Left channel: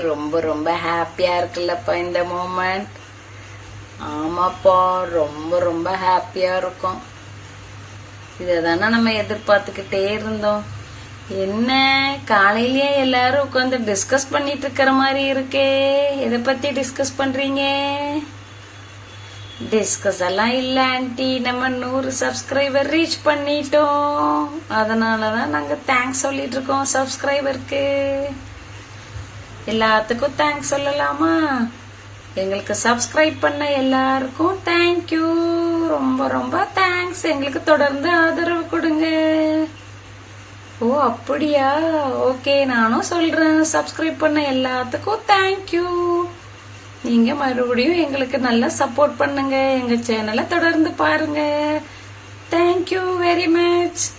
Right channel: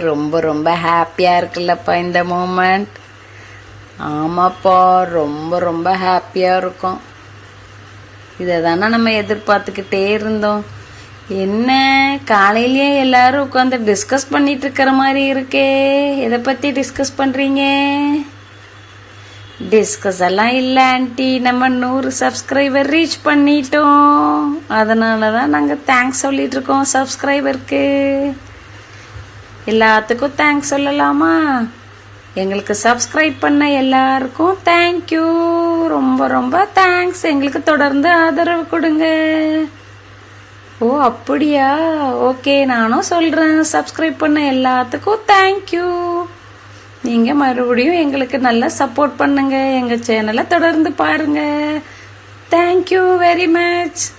ரொம்ப ரொம்ப ஹாப்பியா இருக்குல்லப்பா இந்த மூமெண்ட். ஆமாப்பா, ரொம்ப ரொம்ப ஹாப்பியா இருக்கும். இதை தானே நம்ம எதிர்பார்த்துக்கிட்டே இருந்தோம். என்ன காலையிலேயே எல்லாரும் உட்காந்து டிஸ்கஸ் பண்ணிட்டு இருக்கிற மாதிரி இருக்கே. எதை பத்தி டிஸ்கஸ் பண்றீங்க? டிஸ்கஸ் எல்லாம் இல்ல ஆன்டி, நம்ம 100 சப்ஸ்கிரைபர் ரீச் பண்ணிட்டோம். அதனாலதான் நாங்க தேங்க்ஸ் சொல்லிட்டு இருக்கோம் சப்ஸ்கிரைபருக்கு. எல்லாத்துக்கும் தேங்க்ஸ் சொல்லலாமா? எங்களுக்கு சப்ஸ்கிரைப் பண்ண எல்லாருக்கும் தேங்க்யூ, ரொம்ப ரொம்ப தேங்க்ஸ். எங்களுக்கு தொடர்ந்து ஆதரவு கொடுங்க. ஓ அப்படியா, ஓகே, நானும் சொல்றேன். சப்ஸ்கிரைப் பண்ண எல்லாத்துக்கும் தேங்க்யூ. நீங்க மறுபடியும் எங்களுக்கு நல்லா சப்போர்ட் பண்ணுங்க. எங்க சேனலை தொடர்ந்து பாருங்க. Thank you very much.